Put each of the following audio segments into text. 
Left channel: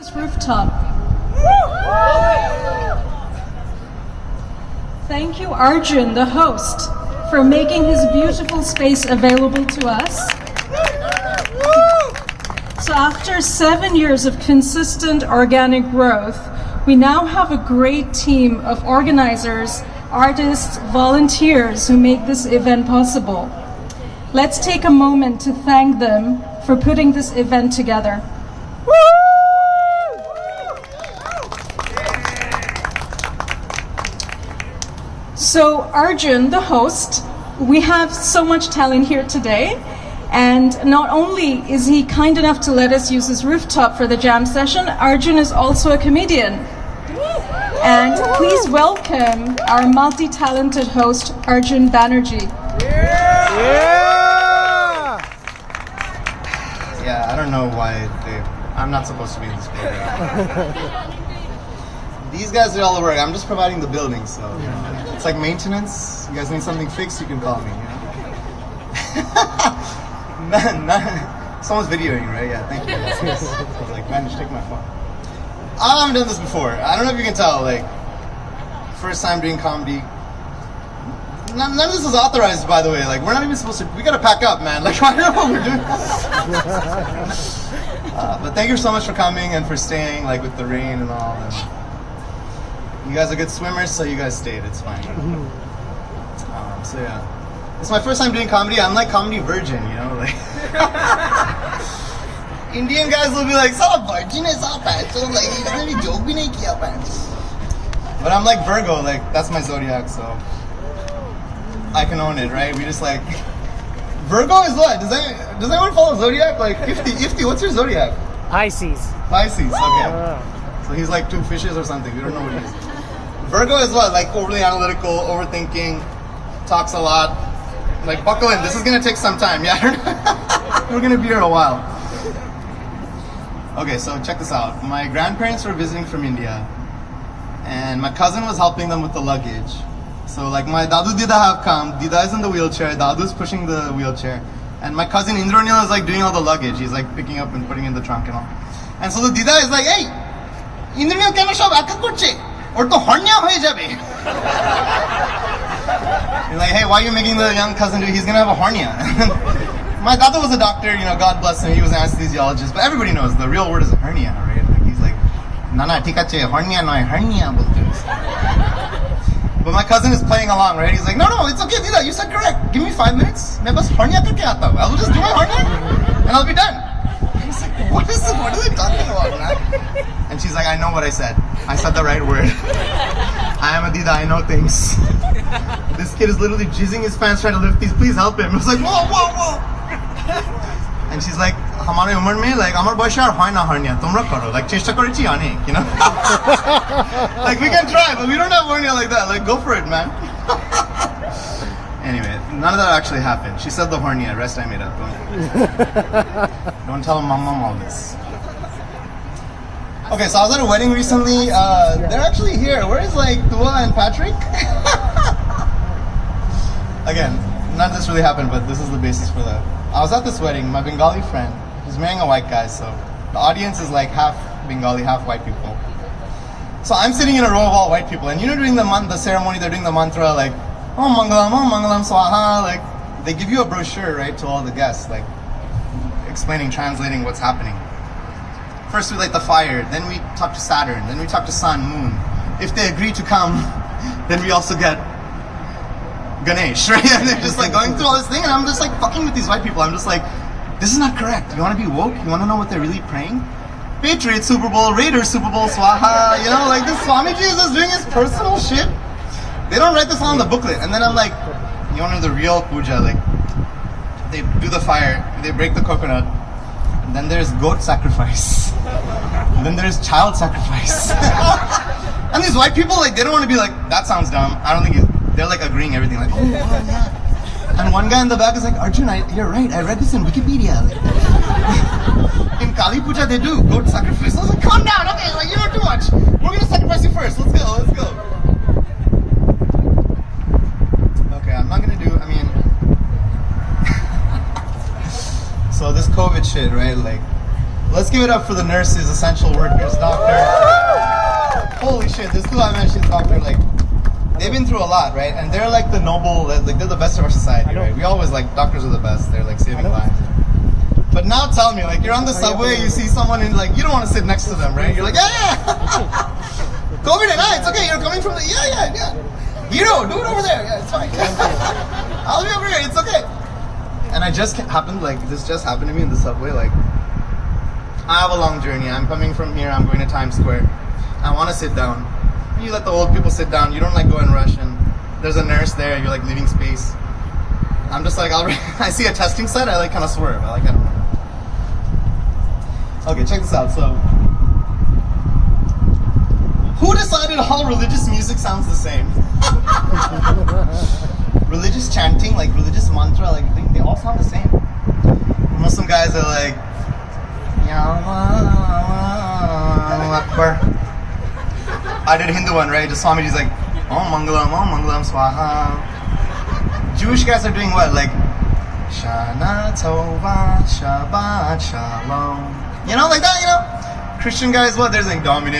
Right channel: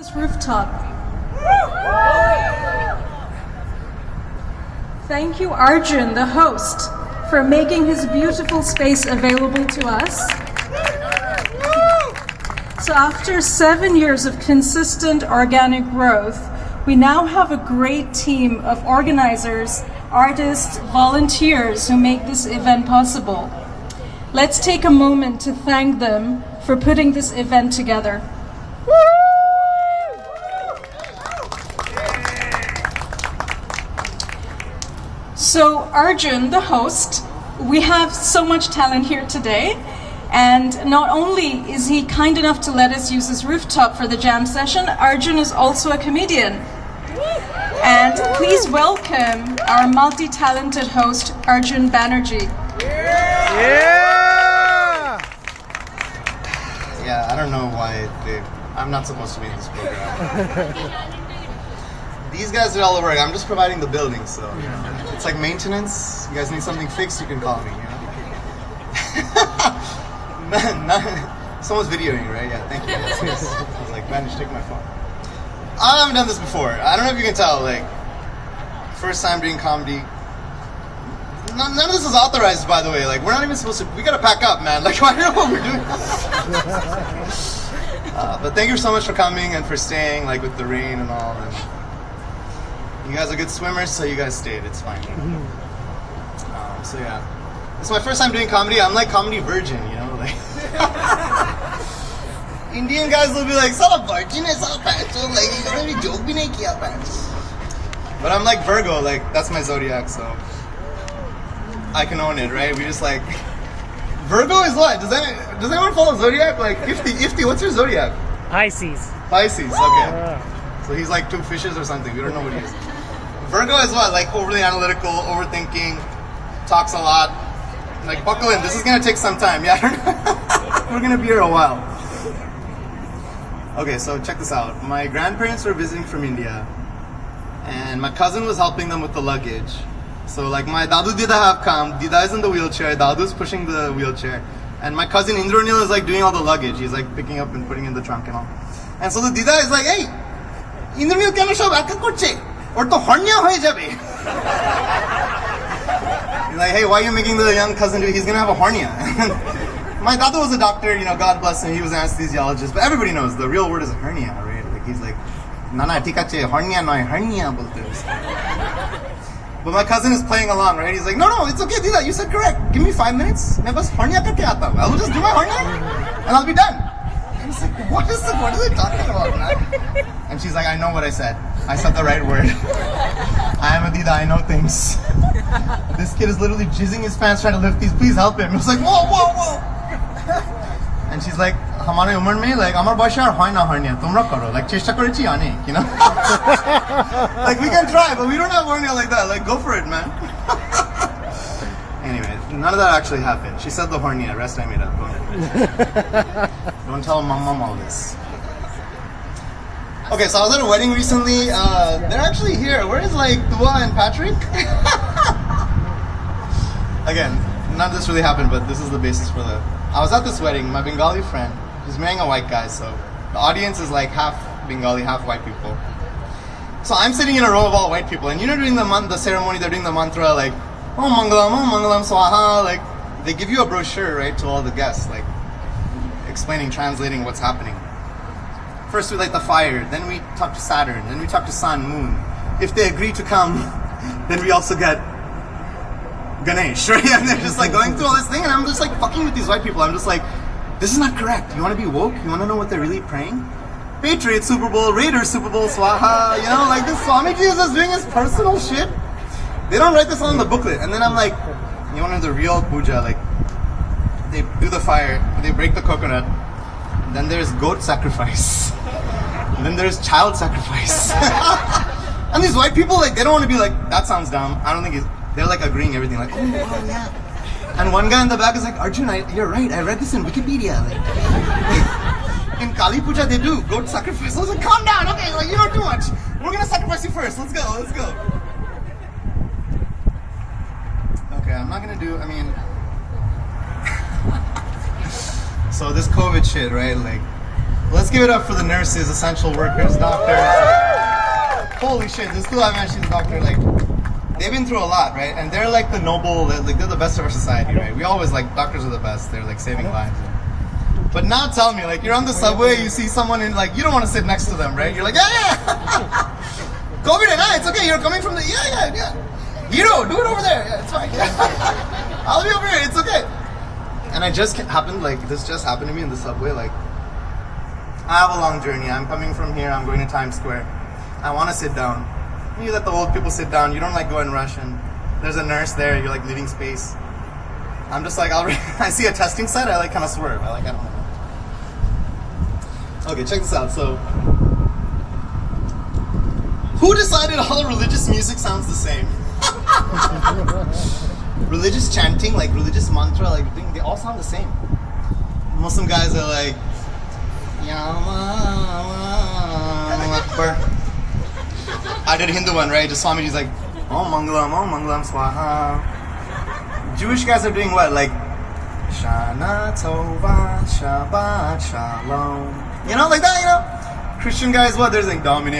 This rooftop. Thank you, Arjun, the host, for making his beautiful space available to us. So after 7 years of consistent organic growth, we now have a great team of organizers, artists, volunteers who make this event possible. Let's take a moment to thank them for putting this event together. So Arjun, the host, we have so much talent here today, and not only is he kind enough to let us use his rooftop for the jam session, Arjun is also a comedian. And please welcome our multi-talented host, Arjun Banerjee. Yeah, I don't know why I'm not supposed to be in this program. These guys do all the work. I'm just providing the building, so it's like maintenance. You guys need something fixed, you can call me. Someone's videoing, right? Yeah, thank you. Yes. I was like, man, just take my phone. I haven't done this before. I don't know if you can tell. Like, first time doing comedy. None of this is authorized, by the way. Like, we're not even supposed to. We gotta pack up, man. Like, I don't know what we're doing. But thank you so much for coming and for staying, like, with the rain and all. And you guys are good swimmers, so you guys stayed. It's fine. So yeah, it's my first time doing comedy. I'm like comedy virgin, you know, like. Indian guys will be like, "Sala virgin is all bad." So like, he doesn't even joke, bhi nahi kiya bad. But I'm like Virgo, like that's my zodiac, so I can own it, right? We just like Virgo is what? Does anyone follow zodiac? Like Ifti, what's your zodiac? Pisces. Pisces, okay. So he's like two fishes or something. We don't know what he is. Virgo is what? Like overly analytical, overthinking, talks a lot. Like buckle in. This is gonna take some time. Yeah, we're gonna be here a while. Okay, so check this out. My grandparents were visiting from India, and my cousin was helping them with the luggage. So like my Dadu Dida have come. Dida is in the wheelchair. Dadu's pushing the wheelchair, and my cousin Indranil is like doing all the luggage. He's like picking up and putting in the trunk and all. And so the Dida is like, "Hey, Indranil কেন সব একা করছে? ওর তো হর্নিয়া হয়ে যাবে." You're like, "Hey, why are you making the young cousin do it? He's gonna have a hernia." My dadu was a doctor, you know, God bless him. He was an anesthesiologist, but everybody knows the real word is a hernia, right? Like he's like, "Nana, ঠিক আছে, hernia নয়, hernia বলতে." But my cousin is playing along, right? He's like, "No, it's okay, Dida. You said correct. Give me 5 minutes. मैं बस hernia करके आता हूँ. I'll just do my hernia, and I'll be done." I was like, "What are they talking about, man?" And she's like, "I know what I said. I said the right word. I am a Dida. I know things." This kid is literally jizzing his pants trying to lift these. Please help him. I was like, whoa. And she's like, "Hamare umar mein, like amar boyoshe ar hoy na hernia. Tomra karo. Like cheshta korechi onek, you know." Like we can try, but we don't have hernia like that. Like go for it, man. Anyway, none of that actually happened. She said the hernia. Rest I made up. Don't tell mom all this. Okay, so I was at a wedding recently. They're actually here. Where is like Dua and Patrick? Again, none of this really happened, but this is the basis for the. I was at this wedding. My Bengali friend, he's marrying a white guy, so the audience is like half Bengali, half white people. So I'm sitting in a row of all white people, and you know, during the ceremony, they're doing the mantra like, "Oh Mangalam Swaha." Like they give you a brochure, right, to all the guests, like explaining, translating what's happening. First we light the fire, then we talk to Saturn, then we talk to Sun, Moon. If they agree to come, then we also get Ganesh, right? And they're just like going through all this thing, and I'm just like fucking with these white people. I'm just like, this is not correct. You want to be woke? You want to know what they're really praying? Patriots Super Bowl, Raiders Super Bowl, Swaha. You know, like this Swamiji is just doing his personal shit. They don't write this on the booklet. And then I'm like, you want to know the real puja? Like, they do the fire, they break the coconut, and then there's goat sacrifice. And then there's child sacrifice. And these white people, like, they don't want to be like, that sounds dumb. I don't think it's. They're like agreeing everything, like, "Oh wow, yeah." And one guy in the back is like, "Arjun, you're right. I read this in Wikipedia." Like, in Kali Puja, they do goat sacrifice. I was like, "Calm down, okay? Like, you know too much. We're gonna sacrifice you first. Let's go." Okay, I'm not gonna do. I mean, so this COVID shit, right? Like, Let's give it up for the nurses, essential workers, doctors. Holy shit, this school I mentioned, doctor, like, they've been through a lot, right? And they're like the noble, like they're the best of our society, right? We always like, doctors are the best. They're like saving lives. But now tell me, like, you're on the subway, you see someone in, like, you don't want to sit next to them, right? You're like, yeah. COVID and it's okay, you're coming from the, yeah. Hero, do it over there. Yeah, it's fine. I'll be over here, it's okay. And this just happened to me in the subway, like, I have a long journey. I'm coming from here, I'm going to Times Square. I want to sit down. You let the old people sit down, you don't like go and rush, and there's a nurse there, you're like leaving space. I'm just like, I see a testing site, I like kind of swerve. I don't know. Okay, check this out. So, who decided all religious music sounds the same? Religious chanting, like religious mantra, like they all sound the same. Muslim guys are like, Ya Allah Akbar. I did a Hindu one, right? Just Swamiji's like, Om Mangalam, Swaha. Jewish guys are doing what? Like, Shana Tova, Shabbat Shalom. You know, like that, you know? Christian guys, what? There's like, Domine,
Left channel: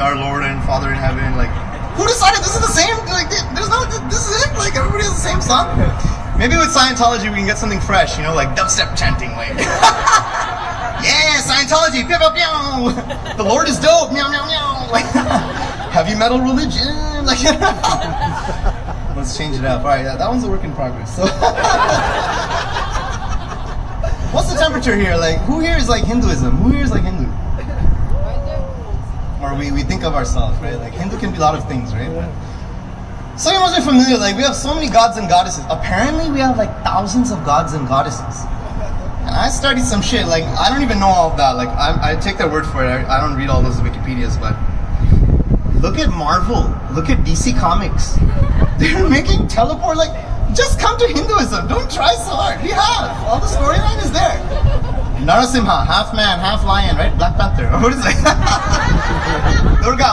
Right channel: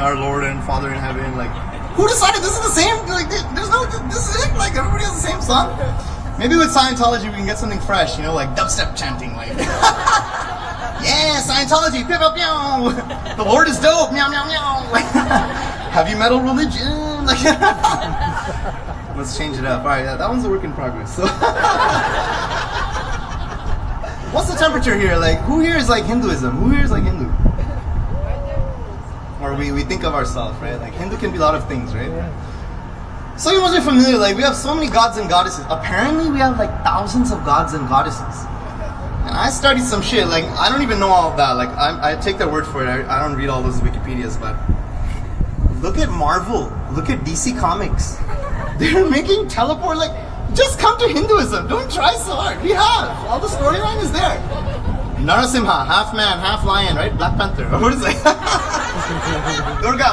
our Lord and Father in heaven. Like, who decided this is the same? Like, there's no, this is it? Like, everybody has the same song? Maybe with Scientology we can get something fresh, you know, like dubstep chanting, like. Yeah, Scientology, pew, pew, pew. The Lord is dope, meow, meow, meow. Like, heavy metal religion. Like, let's change it up. All right, yeah, that one's a work in progress. So, what's the temperature here? Like, who here is like Hinduism? Who here is like Hindu? Or we think of ourselves, right? Like, Hindu can be a lot of things, right? Yeah. So you must be familiar. Like, we have so many gods and goddesses. Apparently, we have like thousands of gods and goddesses. And I studied some shit. Like, I don't even know all of that. Like, I take their word for it. I don't read all those Wikipedias, but. Look at Marvel. Look at DC Comics. They're making teleport, like, just come to Hinduism. Don't try so hard. We have. All the storyline is there. Narasimha, half man, half lion, right? Black Panther. What is it?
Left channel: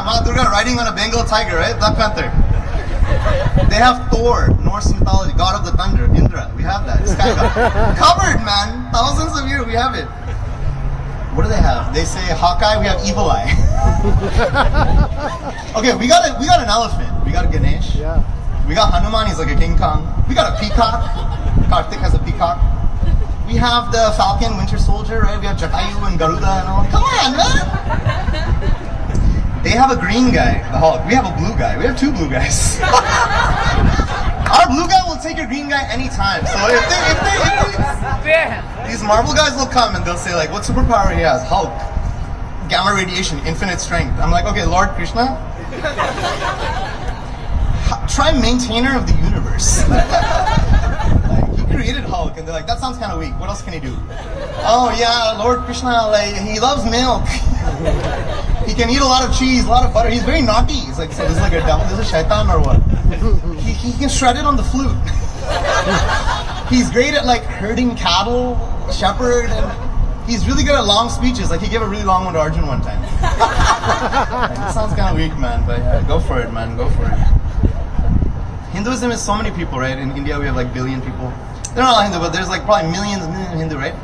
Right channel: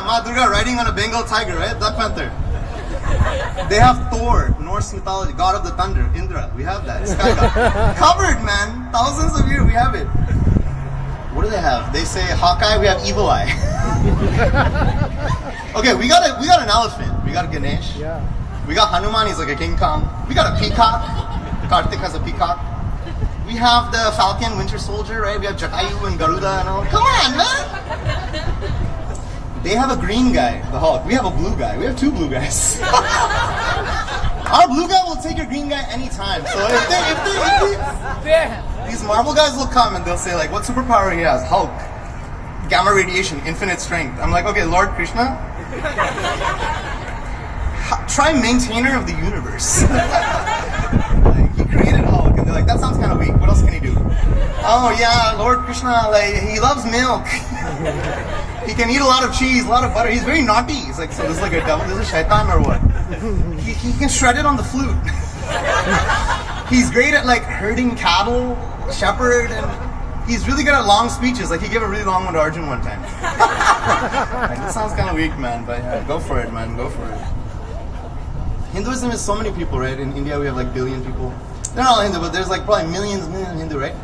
Ma Durga riding on a Bengal tiger, right? Black Panther. They have Thor, Norse mythology, god of the thunder, Indra. We have that. Sky god. Covered, man. Thousands of years, we have it. What do they have? They say Hawkeye, we have Evil Eye. Okay, we got an elephant. We got a Ganesh. Yeah. We got Hanuman, he's like a King Kong. We got a peacock. Kartik has a peacock. We have the Falcon, Winter Soldier, right? We have Jatayu and Garuda and all. Come on, man! They have a green guy, the Hulk. We have a blue guy. We have two blue guys. Our blue guy will take a green guy anytime. So if these Marvel guys will come and they'll say like, what superpower he has? Hulk. Gamma radiation, infinite strength. I'm like, okay, Lord Krishna. Try maintainer of the universe. Like, he created Hulk and they're like, that sounds kind of weak. What else can he do? Oh yeah, Lord Krishna, like, he loves milk. He can eat a lot of cheese, a lot of butter. He's very naughty. He's like, so this is like a devil, this is shaitan or what? He can shred it on the flute. He's great at like herding cattle, shepherd, and he's really good at long speeches. Like he gave a really long one to Arjun one time. Like, it sounds kind of weak, man, but go for it, man, go for it. Hinduism is so many people, right? In India we have like billion people. They're not all Hindu, but there's like probably millions of Hindu, right?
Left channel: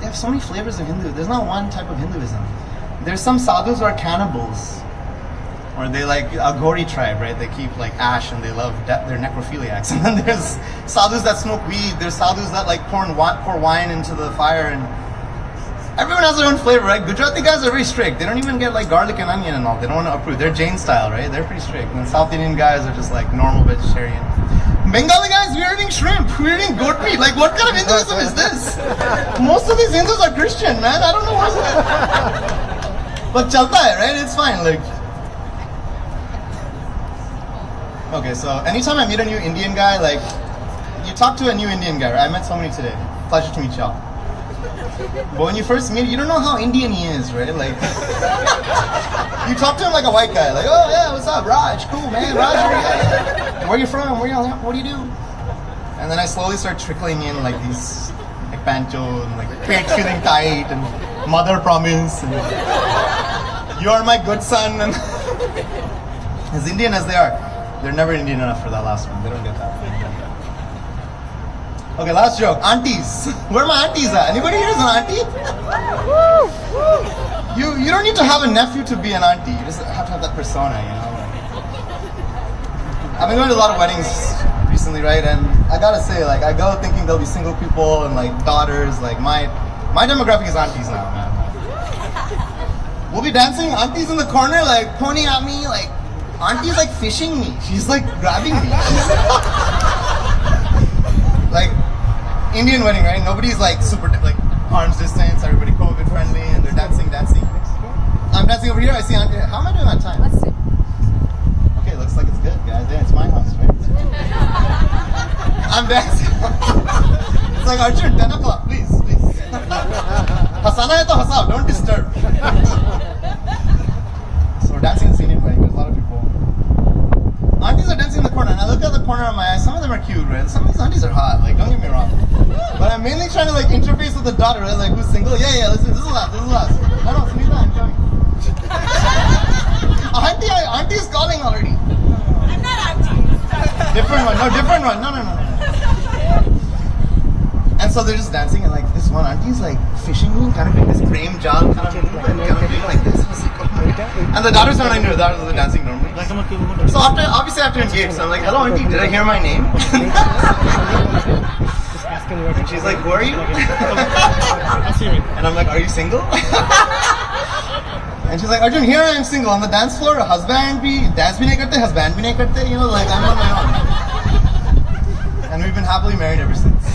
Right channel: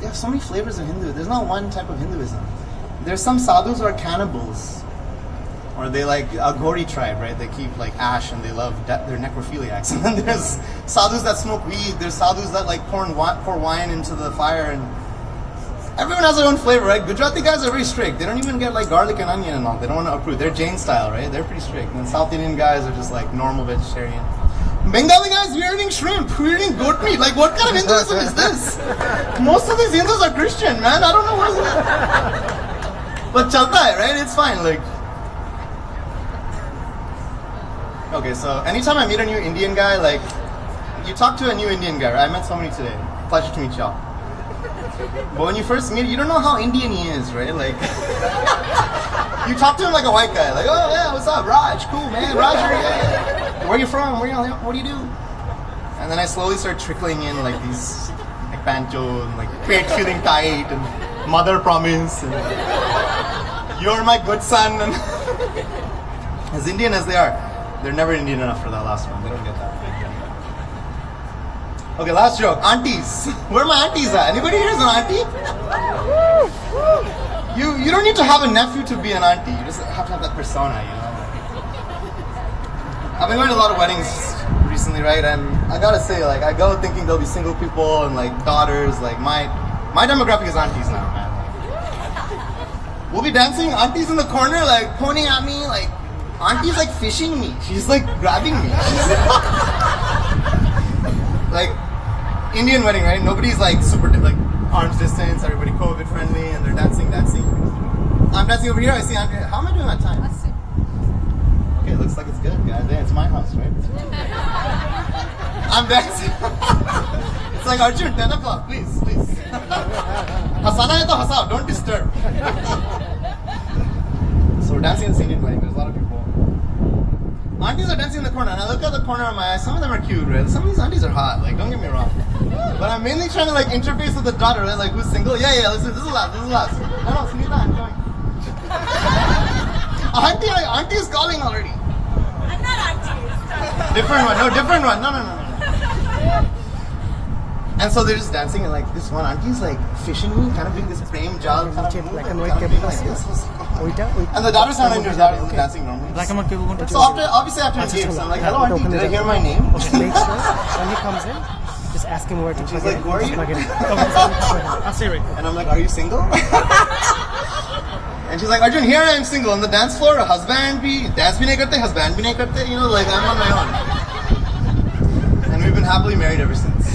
They have so many flavors of Hindu. There's not one type of Hinduism. There's some sadhus who are cannibals. Or they like a Gori tribe, right? They keep like ash and they love they're necrophiliacs. And then there's sadhus that smoke weed. There's sadhus that like pour wine into the fire, and everyone has their own flavor, right? Gujarati guys are very strict. They don't even get like garlic and onion and all. They don't want to approve. They're Jain style, right? They're pretty strict. And then South Indian guys are just like normal vegetarian. Bengali guys, we're eating shrimp, we're eating goat meat. Like, what kind of Hinduism is this? Most of these Hindus are Christian, man. I don't know what. But chalta hai, right? It's fine. Like. Okay, so anytime I meet a new Indian guy, like, you talk to a new Indian guy, right? I met so many today. Pleasure to meet y'all. But when you first meet, you don't know how Indian he is, right? Like, you talk to him like a white guy, like, oh yeah, what's up, Raj? Cool, man, Raj. Where are you from? What do you do? And then I slowly start trickling in like these, like pancho, and like pate feeling tight, and mother promise, and you're my good son. And as Indian as they are, they're never Indian enough for that last one. They don't get that. Okay, last joke. Aunties. Where are my aunties at? Anybody here is an auntie? You don't need to have a nephew to be an auntie. You just have to have that persona, you know? I've been going to a lot of weddings recently, right? And I gotta say, like, I go thinking there'll be single people and like daughters. Like my demographic is aunties now, man. We'll be dancing, aunties in the corner, like pointing at me, like auntie's like fishing me. She's like grabbing me. Like Indian wedding, right? Nobody's like super like arms distance. Everybody COVID friendly, and they're dancing. I'm dancing over here. I see auntie. How am I doing that time? Let's see. Okay, looks like it's good, guys. Yeah, it's my house, right? I'm dancing. It's like Arjun, 10 o'clock, please. Hasana hai to hasao, don't disturb. So we're dancing at the Indian wedding. There's a lot of people. Aunties are dancing in the corner, and I look at the corner of my eye. Some of them are cute, right? Some of these aunties are hot. Like, don't get me wrong. But I'm mainly trying to like interface with the daughter, right? Like, who's single? Yeah. Listen, this is last. No, Sunita, I'm going. Auntie is calling already. I'm not auntie. Different one. No. And so they're just dancing, and like this one auntie's like fishing me, kind of doing this frame job, kind of doing like this. And the daughters are not into daughters are dancing normally. So obviously after engaged, I'm like, hello auntie, did I hear my name? Just ask him where to. And she's like, who are you? And I'm like, are you single? And she's like, Arjun, here I am single on the dance floor. Dance bhi nahi karte, you know, like I'm on my own. And we've been happily married ever since.